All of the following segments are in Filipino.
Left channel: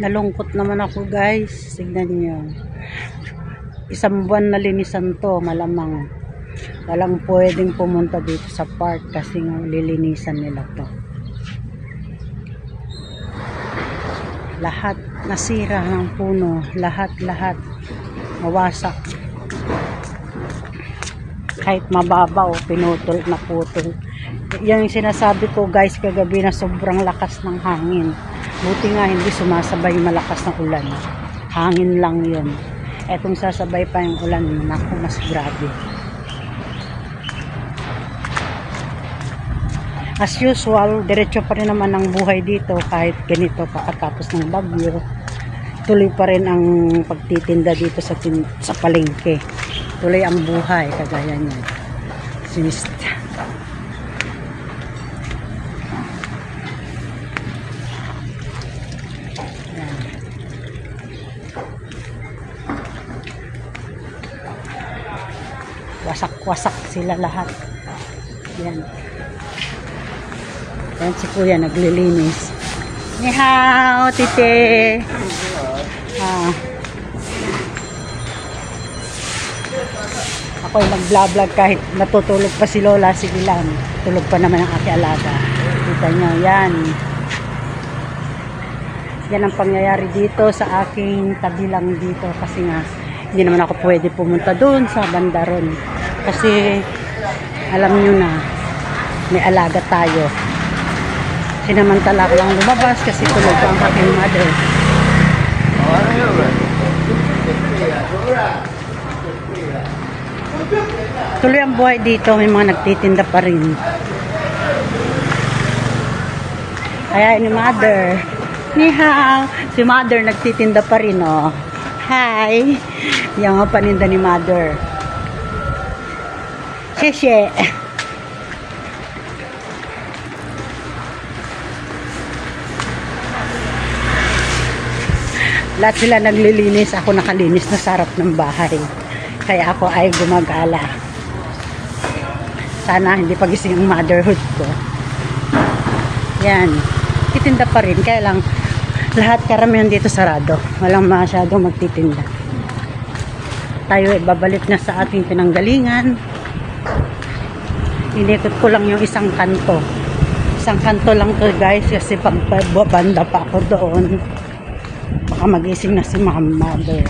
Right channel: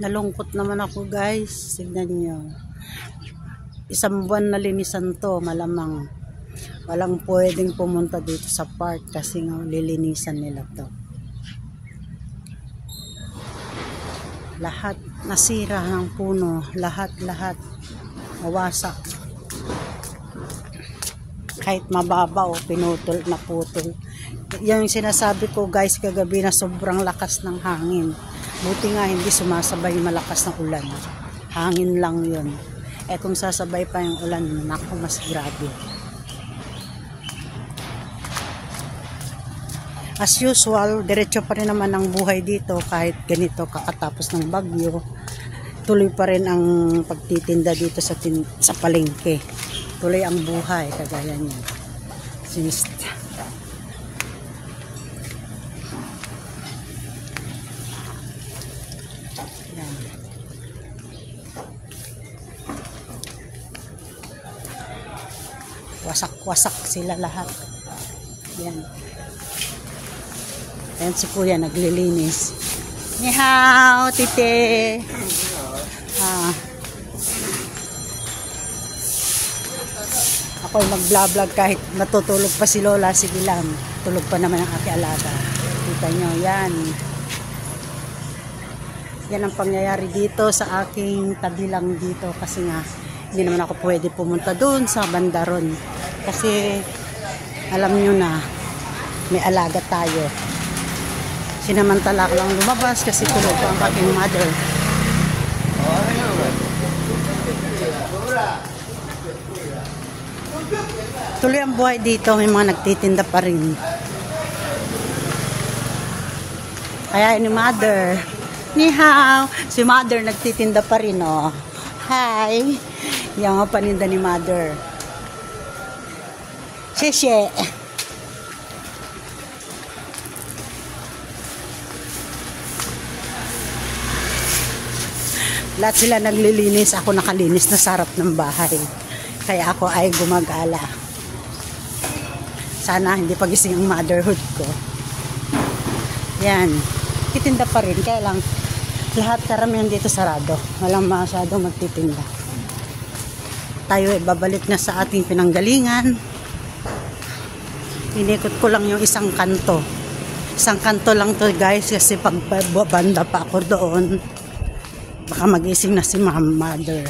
Nalungkot naman ako guys. Tignan nyo. Isang buwan na linisan to. Malamang walang pwedeng pumunta dito sa park kasi nga lilinisan nila to. Lahat nasira ng puno. Lahat mawasak. Kahit mababaw, pinutol na putol. Yan yung sinasabi ko guys kagabi na sobrang lakas ng hangin. Buti nga hindi sumasabay malakas na ulan. Hangin lang yun. Etong sasabay pa yung ulan, naku, mas grabe. As usual, diretso pa rin naman ang buhay dito kahit ganito kakatapos ng bagyo. Tuloy pa rin ang pagtitinda dito sa palengke. Tuloy ang buhay kagaya niya. Sinista. Wasak-wasak sila lahat. Yan. Yan si Kuya naglilinis. Ni hao, tite. Ako'y nag-vlog kahit natutulog pa si Lola, si Bilang. Tulog pa naman ang aking alaga. Kita nyo, yan. Yan ang pangyayari dito sa aking tabi lang dito kasi nga hindi naman ako pwede pumunta doon sa bandaron kasi alam nyo na may alaga tayo. Sinamantala ko lang lumabas kasi tulog ang aking mother. Tuloy ang buhay dito, may mga nagtitinda pa rin. Kaya ni mother, ni hao, si mother nagtitinda pa rin, oh. Hi! Yung paninda ni mother. Sheshe! Lahat sila naglilinis. Ako nakalinis na sarap ng bahay. Kaya ako ay gumagala. Sana hindi pagising ang motherhood ko. Yan. Titinda pa rin. Kaya lang lahat karamihan dito sarado. Walang masyadong magtitinda. Tayo ay babalik na sa ating pinanggalingan. Inikot ko lang yung isang kanto. Isang kanto lang to guys kasi pag banda pa ako doon baka magising na si mother.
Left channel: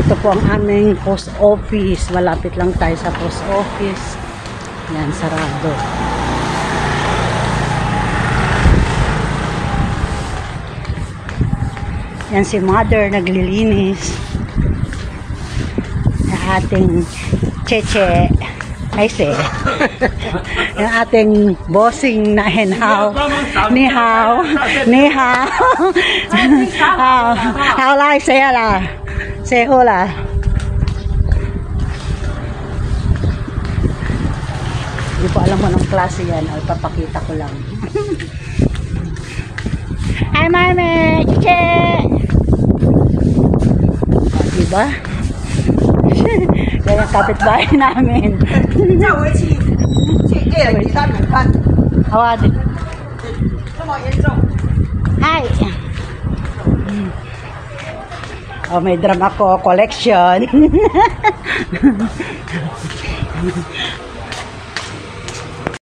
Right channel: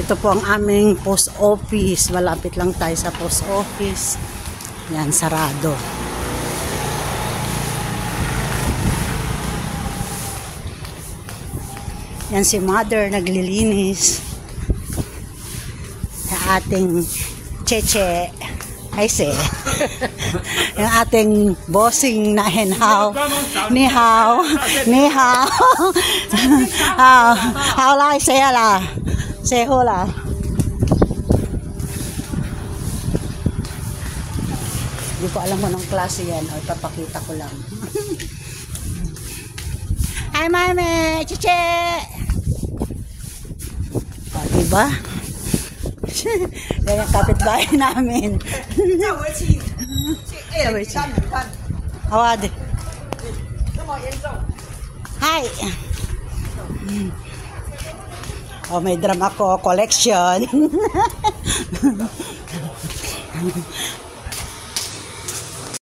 Ito po ang aming post office. Malapit lang tayo sa post office. Yan, sarado. Yan si mother naglilinis. Yung ating cheche. Ay se. Yung ating bossing na henhaw. Ni hao. Ni hao. Hao lai saya la. Seho la. Hindi ko alam kung anong klase yan. Ay papakita ko lang. Hi mami. Cheche. Diba? Yan ang kapitbahay namin. Awad. Hi. Oh, may drum ako collection.